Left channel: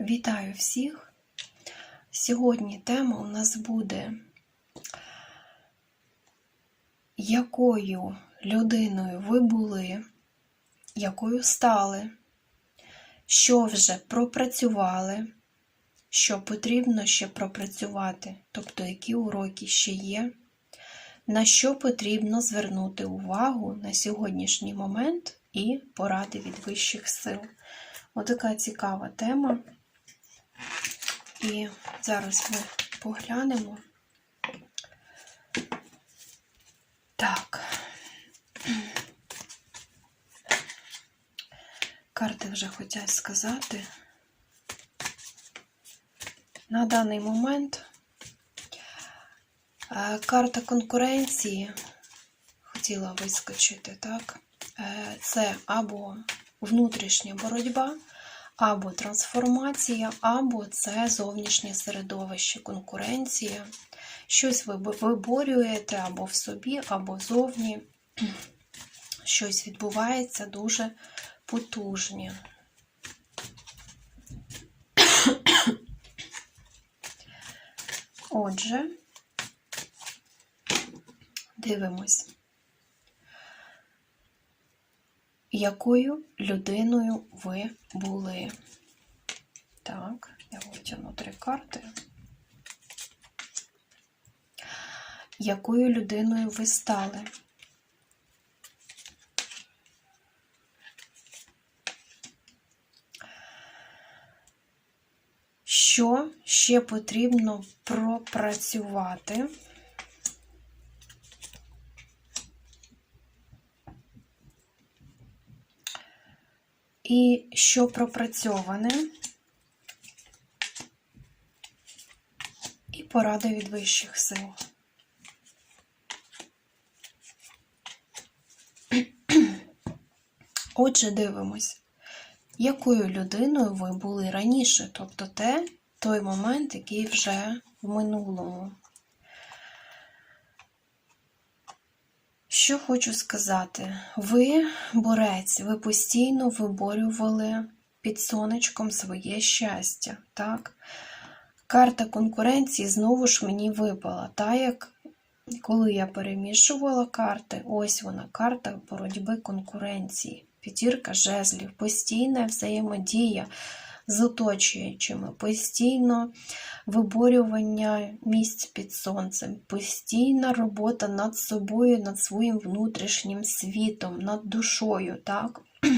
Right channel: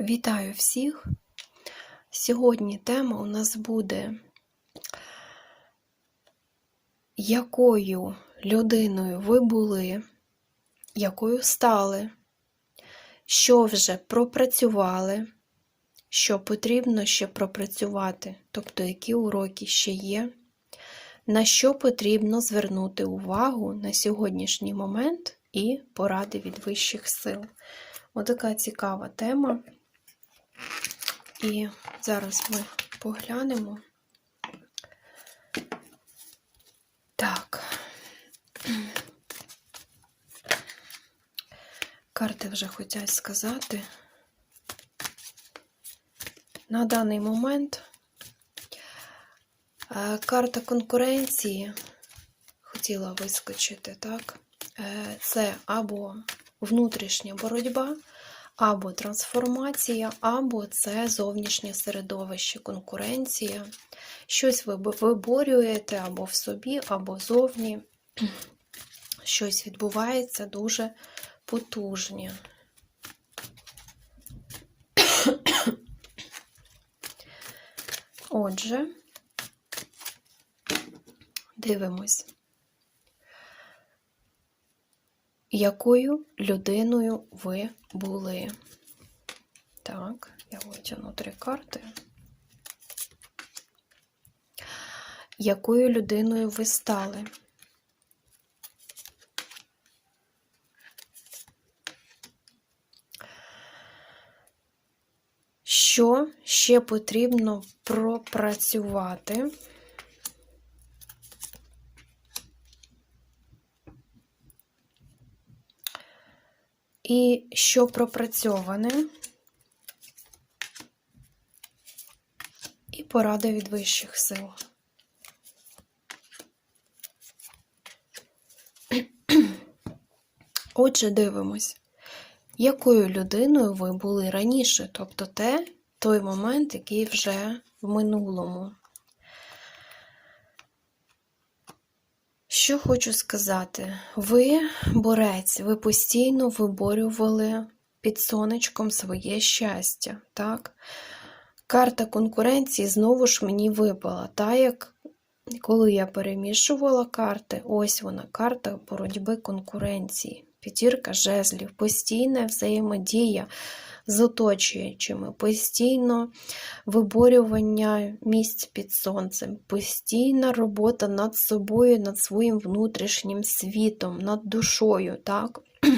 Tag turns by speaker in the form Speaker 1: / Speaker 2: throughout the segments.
Speaker 1: Вітаю всіх! Сьогодні тема у нас буде, якою людиною ви були, якою стали, що вже пропрацювали, що потрібно ще пропрацювати, тобто які уроки ще є, на що потрібно звернути увагу на сьогоднішній момент і поради від вищих сил. Отака цікава тема. І зараз ми поглянемо. Так. Карти вже хочуть сказати. На даний момент е, карта конкуренції хотіла вискочити, так? Е, Це або внутрішня боротьба, або трансформація, або це зовнішнє середовище, конкуренція. Щось ви виборюєте або в собі, або зовні. Щось відбувається дуже потужне. Отже, дивимось. Якою людиною ви були? Так, я витягну три карти. Якою людиною ви стали? Що ще потрібно пропрацювати? І що пропрацьоване, і поради від вищих сил. Отже, дивимось, якою людиною ви були раніше, тобто те, той момент, який вже в минулому. Що хочу сказати, ви борець, ви постійно виборювали під сонечком своє щастя, так? Карта конкуренції знову ж мені випала, та як коли я перемішувала карти, ось вона, карта боротьби конкуренції. П'ятірка жезлів, постійна взаємодія з оточуючими, постійно виборювання місць під сонцем, постійна робота над собою, над своїм внутрішнім світом, над душою, так?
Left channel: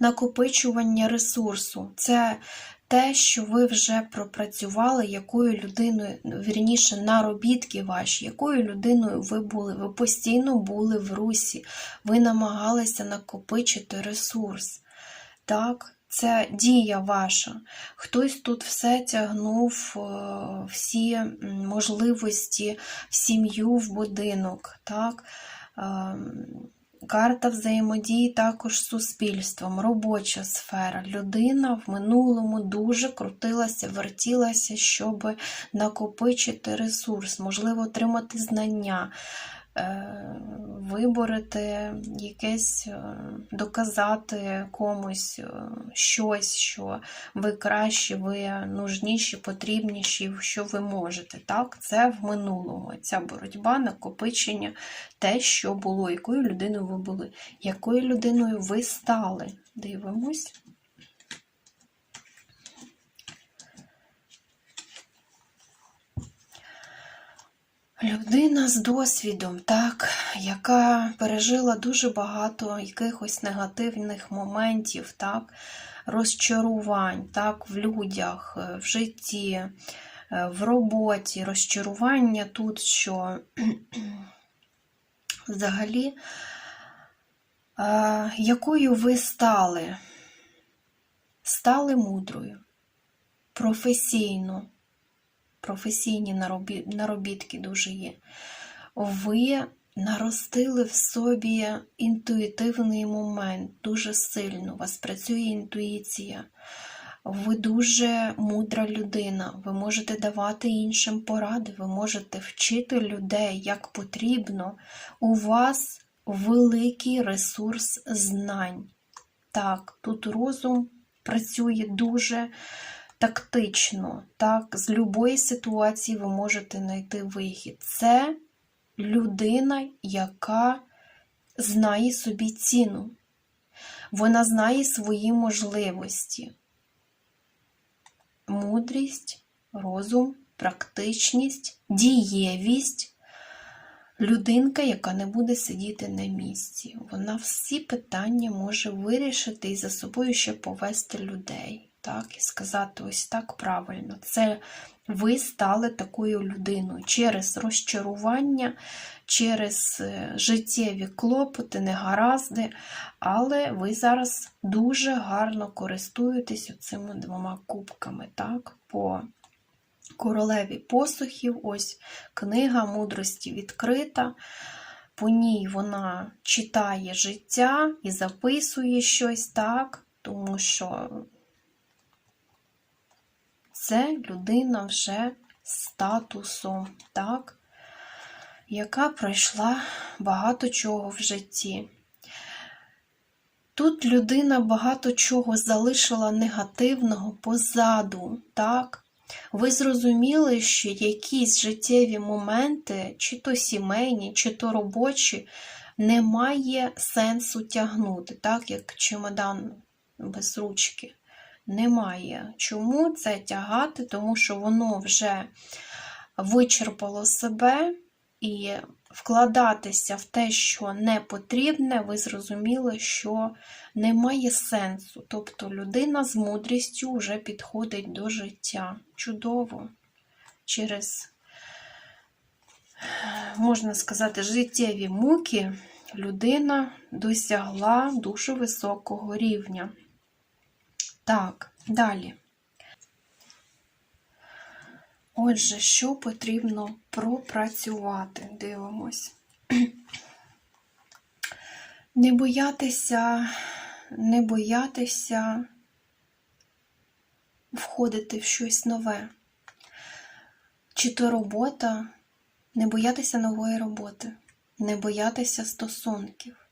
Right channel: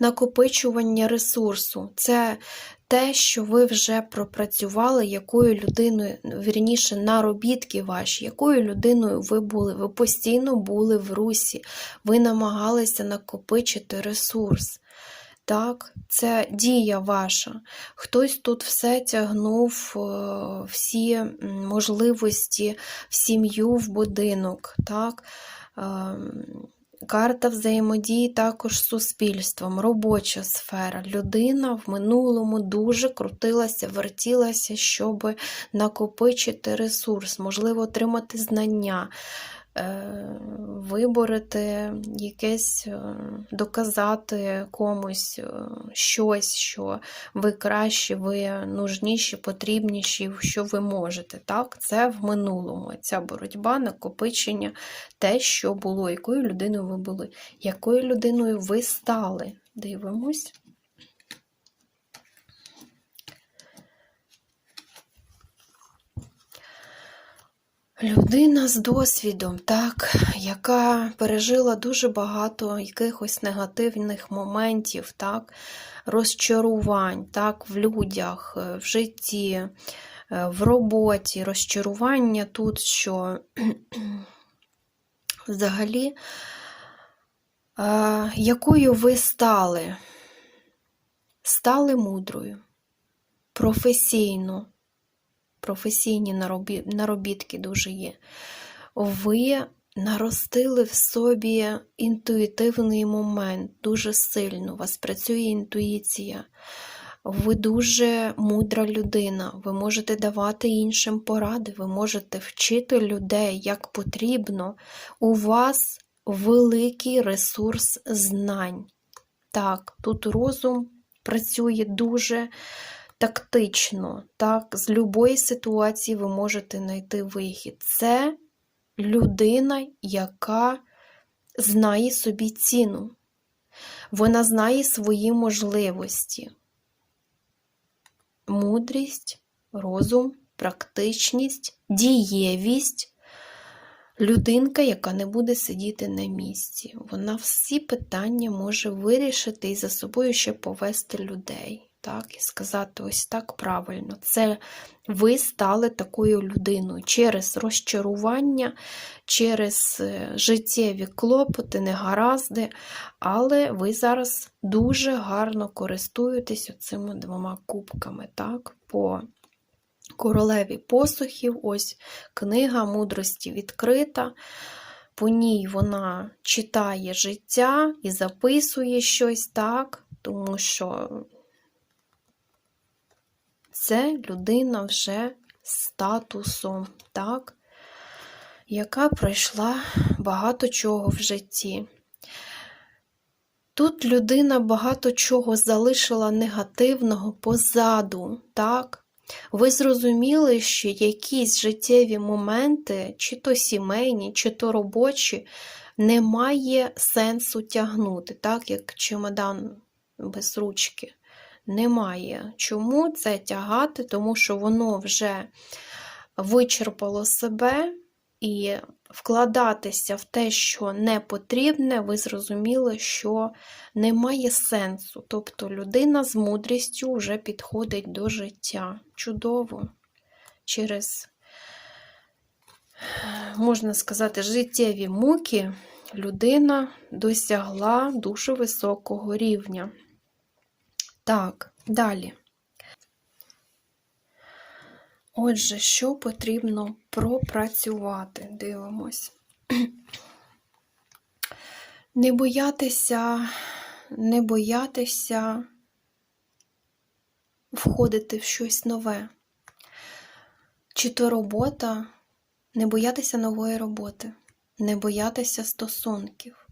Speaker 1: Накопичування ресурсу. Це те, що ви вже пропрацювали, якою людиною, вірніше, наробітки ваші, якою людиною ви були. Ви постійно були в русі, ви намагалися накопичити ресурс. Так, це дія ваша. Хтось тут все тягнув, всі можливості в сім'ю, в будинок. так. Карта взаємодії також з суспільством, робоча сфера. Людина в минулому дуже крутилася, вертілася, щоб накопичити ресурс, можливо, отримати знання, виборити якесь, доказати комусь щось, що ви кращі, ви нужніші, потрібніші, що ви можете. Так, Це в минулому. Ця боротьба, накопичення, те, що було, якою людиною ви були, якою людиною ви стали. Дивимось. Людина з досвідом, так, яка пережила дуже багато якихось негативних моментів, так, розчарувань, так, в людях, в житті, в роботі, розчарування тут, що взагалі, якою ви стали? Стали мудрою, професійно професійні наробітки дуже є. Ви наростили в собі інтуїтивний момент, дуже сильно. У вас працює інтуїція. Ви дуже мудра людина, ви можете давати іншим поради, ви можете вчити людей як потрібно. У вас великий ресурс знань. Так, тут розум працює дуже тактично. Так, з будь-якої ситуації ви можете знайти вихід. Це людина, яка знає собі ціну. Вона знає свої можливості. Мудрість, розум, практичність, дієвість. Людинка, яка не буде сидіти на місці. Вона всі питання може вирішити і за собою ще повести людей. Так, і сказати ось так правильно. Це ви стали такою людиною через розчарування, через е, життєві клопоти, негаразди, але ви зараз дуже гарно користуєтесь цими двома кубками, так, по королеві посухів, ось книга мудрості відкрита. По ній вона читає життя і записує щось так, тому що це людина вже з статусом, так, яка пройшла багато чого в житті. Тут людина багато чого залишила негативного позаду, так? Ви зрозуміли, що якісь життєві моменти, чи то сімейні, чи то робочі, немає сенсу тягнути, так, як чемодан без ручки. Немає. Чому це тягати? Тому що воно вже вичерпало себе і вкладатися в те, що не потрібне, ви зрозуміли, що немає сенсу. Тобто людина з мудрістю вже підходить до життя. Чудово. Через, можна сказати, життєві муки людина досягла дуже високого рівня. Так, далі. Отже, що потрібно пропрацювати? Дивимось. Не боятися, не боятися входити в щось нове. Чи то робота, не боятися нової роботи, не боятися стосунків.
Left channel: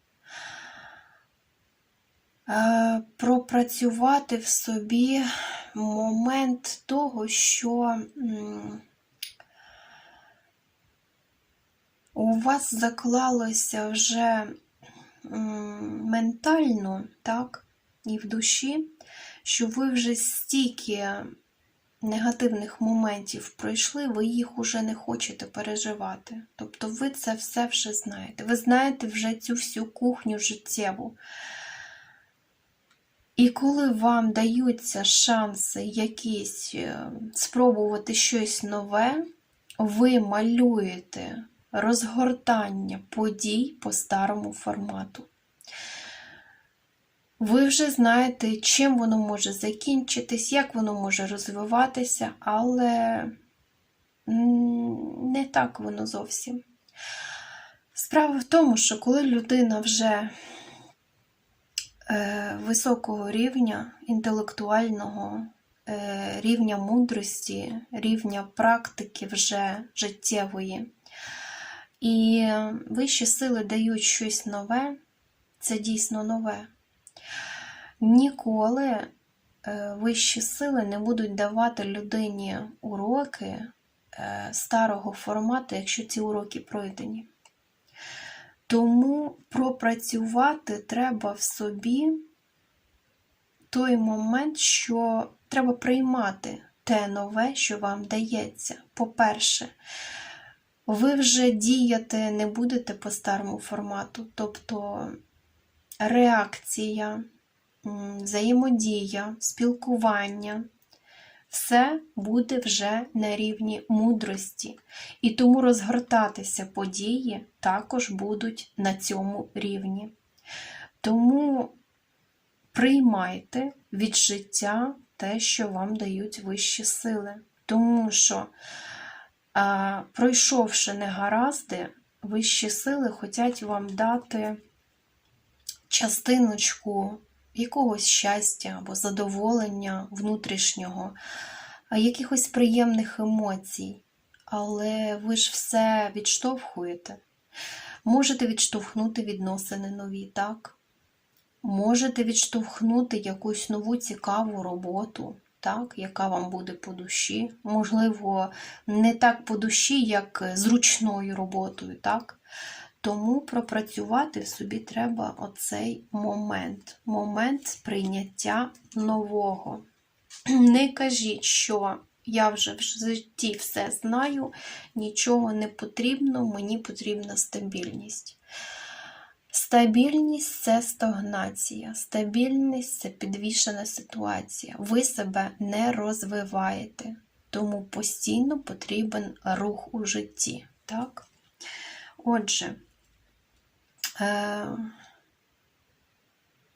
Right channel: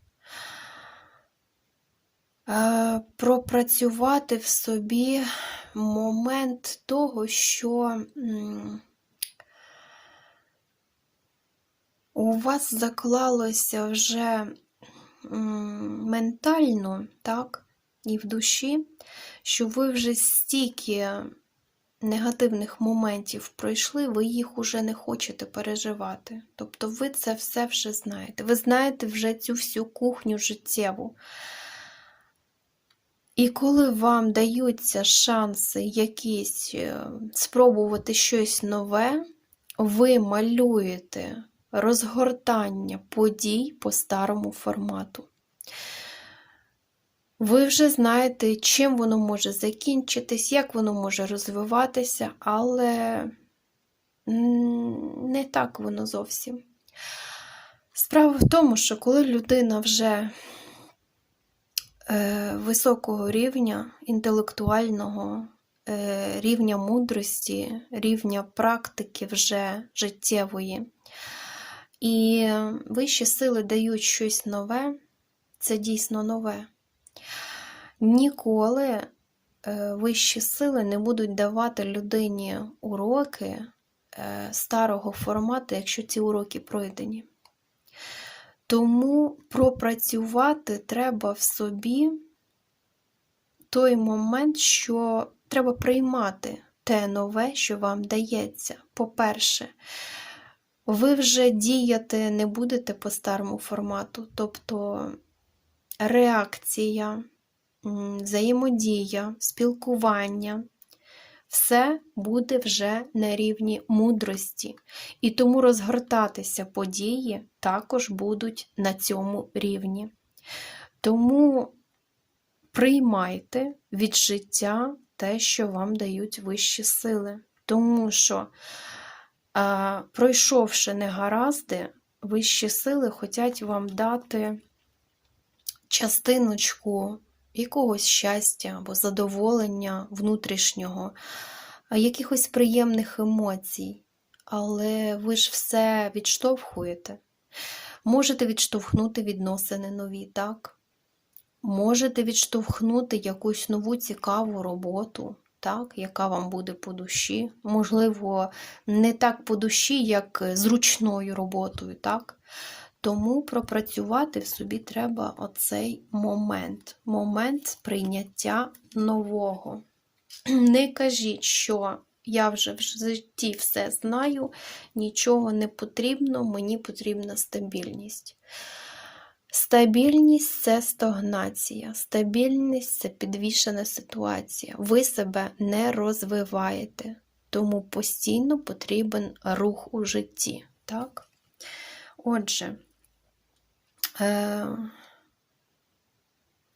Speaker 1: Е, пропрацювати в собі момент того, що у вас заклалося вже ментально, так, і в душі, що ви вже стільки негативних моментів пройшли, ви їх уже не хочете переживати. Тобто ви це все вже знаєте. Ви знаєте вже цю всю кухню життєву. І коли вам даються шанси якісь е, спробувати щось нове, ви малюєте розгортання подій по старому формату. Ви вже знаєте, чим воно може закінчитись, як воно може розвиватися, але не так воно зовсім. Справа в тому, що коли людина вже високого рівня інтелектуального, е, рівня мудрості, рівня практики вже життєвої. І вищі сили дають щось нове, це дійсно нове. Ніколи е, вищі сили не будуть давати людині уроки старого формату, якщо ці уроки пройдені. Тому пропрацювати треба в собі той момент, що треба приймати те нове, що вам дається. По-перше, ви вже діяти не будете по старому формату, тобто реакція, взаємодія, спілкування все буде вже на рівні мудрості, і тому розгортатися події також будуть на цьому рівні. Тому приймайте від життя те, що вам дають вищі сили. Тому що, пройшовши негаразди, вищі сили хочуть вам дати частиночку якогось щастя або задоволення внутрішнього, якихось приємних емоцій. Але ви ж все відштовхуєте. Можете відштовхнути відносини нові, так? можете відштовхнути якусь нову цікаву роботу, так, яка вам буде по душі. Можливо, не так по душі, як з ручною роботою, так? Тому пропрацювати в собі треба оцей момент, момент сприйняття нового. Не кажіть, що я вже в житті все знаю, нічого не потрібно, мені потрібна стабільність. Стабільність це стагнація, стабільність це підвішена ситуація. Ви себе не розвиваєте, тому постійно потрібен рух у житті. Так? Отже,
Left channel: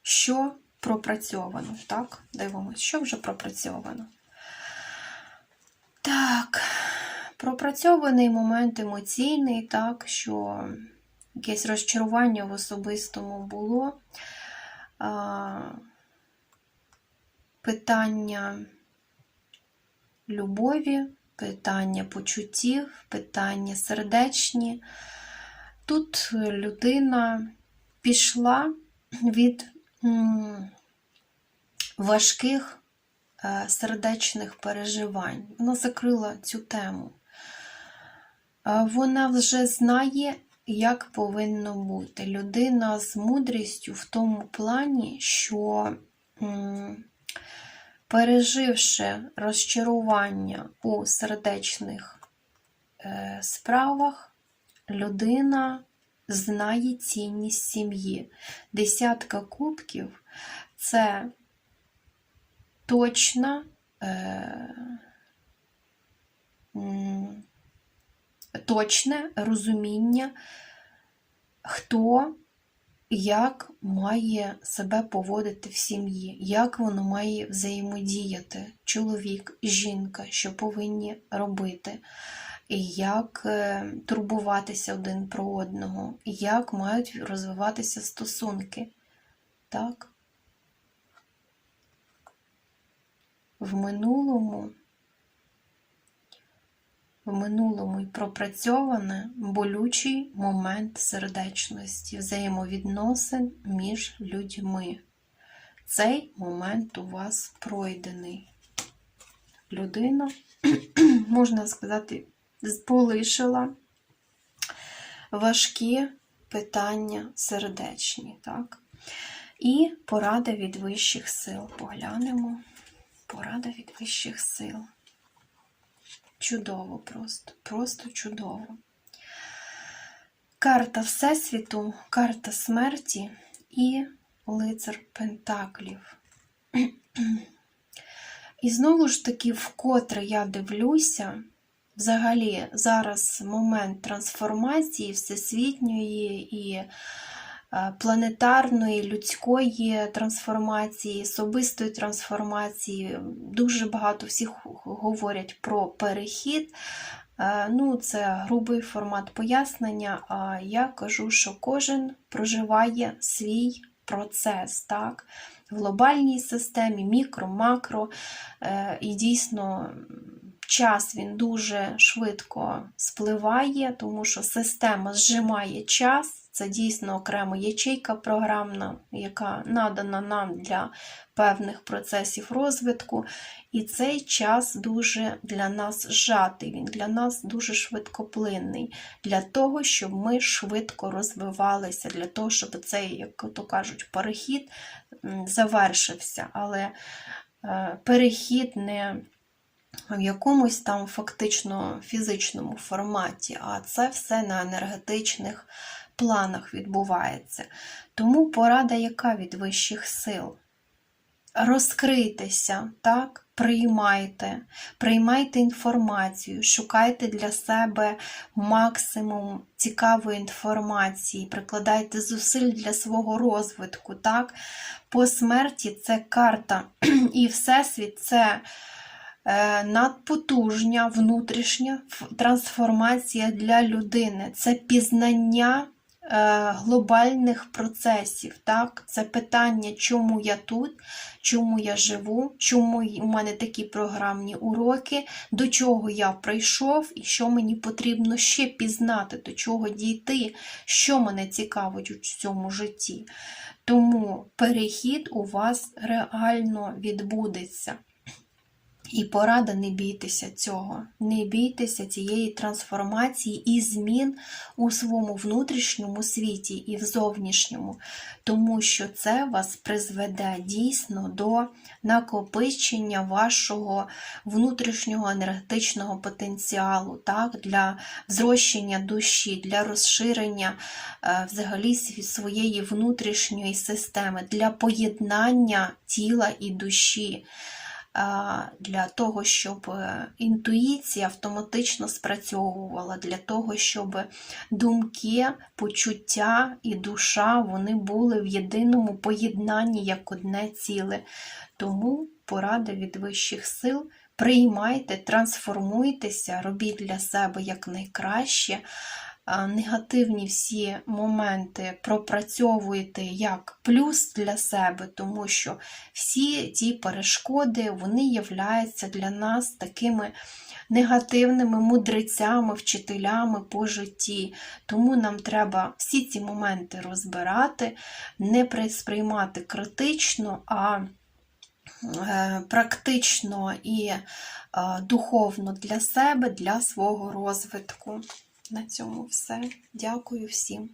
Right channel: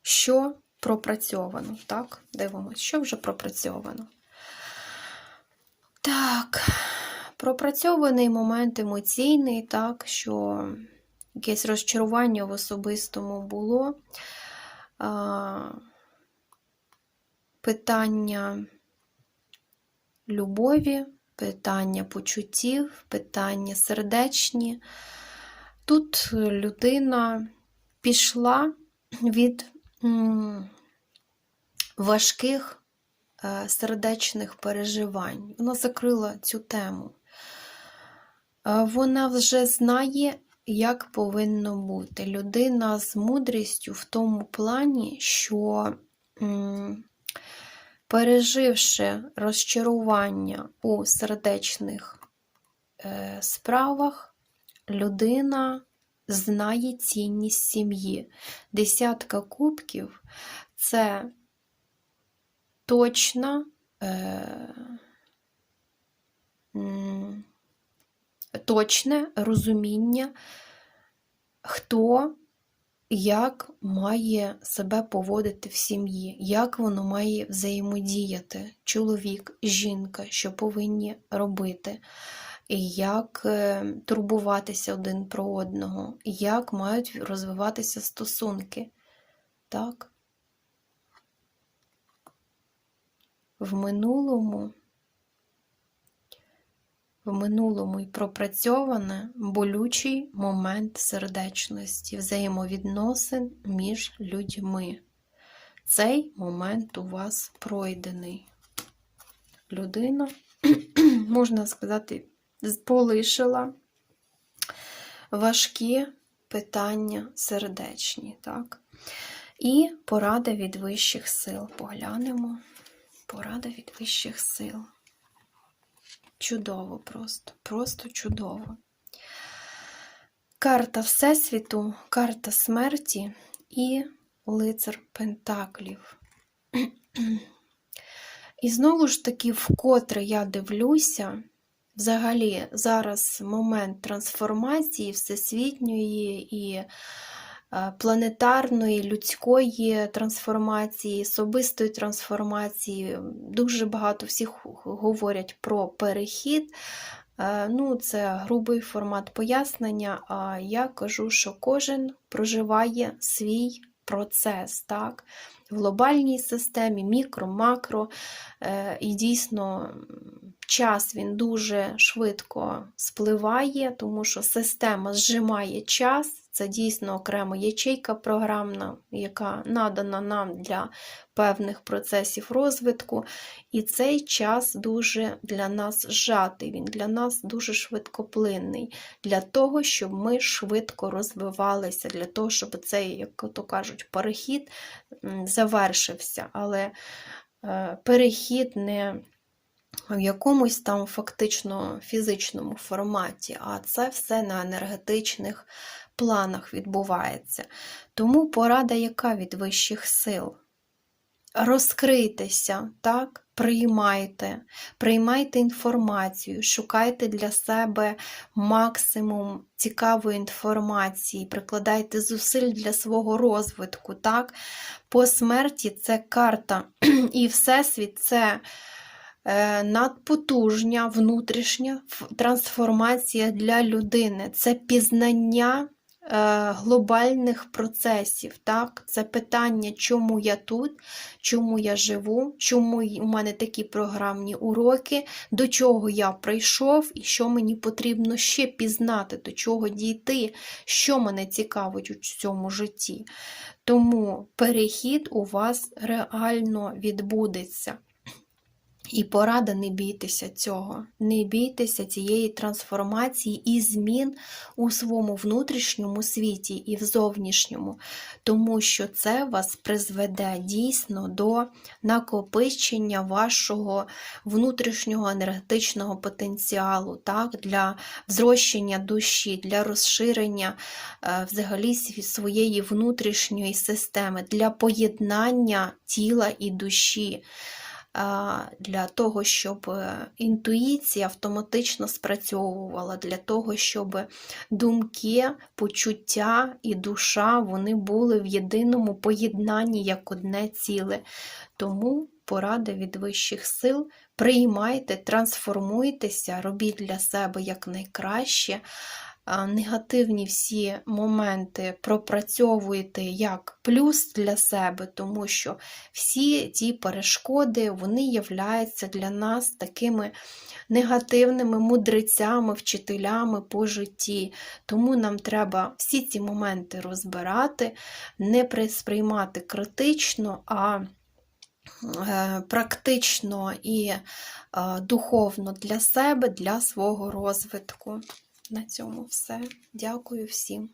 Speaker 1: що пропрацьовано? Так, дивимося, що вже пропрацьовано. Так, пропрацьований момент емоційний, так, що якесь розчарування в особистому було. Питання любові, питання почуттів, питання сердечні. Тут людина пішла від важких е, сердечних переживань. Вона закрила цю тему. Е, Вона вже знає, як повинно бути. Людина з мудрістю в тому плані, що переживши розчарування у сердечних е, справах, людина знає цінність сім'ї. Десятка кубків це точна. Е, точне розуміння, хто як має себе поводити в сім'ї, як воно має взаємодіяти чоловік, жінка, що повинні робити, як е, турбуватися один про одного, як мають розвиватися стосунки. Так? В минулому в минулому й пропрацьоване болючий момент сердечності, взаємовідносин між людьми. Цей момент у вас пройдений. Людина, можна сказати, полишила важкі питання сердечні. Так? І порада від вищих сил. Поглянемо. Порада від вищих сил. Чудово просто, просто чудово. Карта Всесвіту, карта смерті і лицар Пентаклів. І знову ж таки, вкотре я дивлюся, взагалі, зараз момент трансформації всесвітньої і е, планетарної, людської трансформації, особистої трансформації. Дуже багато всіх говорять про перехід. Е, Ну, це грубий формат пояснення. А я кажу, що кожен проживає свій процес, так? В глобальній системі, мікро, макро. Е, І дійсно час він дуже швидко спливає, тому що система зжимає час. Це дійсно окрема ячейка програмна, яка надана нам для певних процесів розвитку. І цей час дуже для нас зжатий, він для нас дуже швидкоплинний, для того, щоб ми швидко розвивалися, для того, щоб цей, як то кажуть, перехід завершився. Але е, перехід не в якомусь там фактично фізичному форматі, а це все на енергетичних планах відбувається. Тому порада, яка від вищих сил? Розкрийтеся, так? Приймайте, приймайте інформацію, шукайте для себе максимум цікавої інформації, прикладайте зусиль для свого розвитку. Так? По смерті це карта і Всесвіт це надпотужня внутрішня трансформація для людини, це пізнання е, глобальних процесів. Так? Це питання, чому я тут, чому я живу, чому у мене такі програмні уроки, до чого я прийшов і що мені потрібно ще пізнати, до чого дійти, що мене цікавить у цьому житті. Тому перехід у вас реально відбудеться. І порада не бійтеся цього, не бійтеся цієї трансформації і змін у своєму внутрішньому світі і в зовнішньому, тому що це вас призведе дійсно до накопичення вашого внутрішнього енергетичного потенціалу, так, для зрощення душі, для розширення е, взагалі своєї внутрішньої системи, для поєднання тіла і душі для того, щоб е, інтуїція автоматично спрацьовувала, для того, щоб думки, почуття і душа вони були в єдиному поєднанні як одне ціле. Тому порада від вищих сил. Приймайте, трансформуйтеся, робіть для себе якнайкраще. А, Негативні всі моменти пропрацьовуйте як плюс для себе, тому що всі ті перешкоди вони являються для нас такими негативними мудрецями, вчителями по житті. Тому нам треба всі ці моменти розбирати, не при- сприймати критично, а е, практично і е, духовно для себе, для свого розвитку. На цьому все. Дякую всім.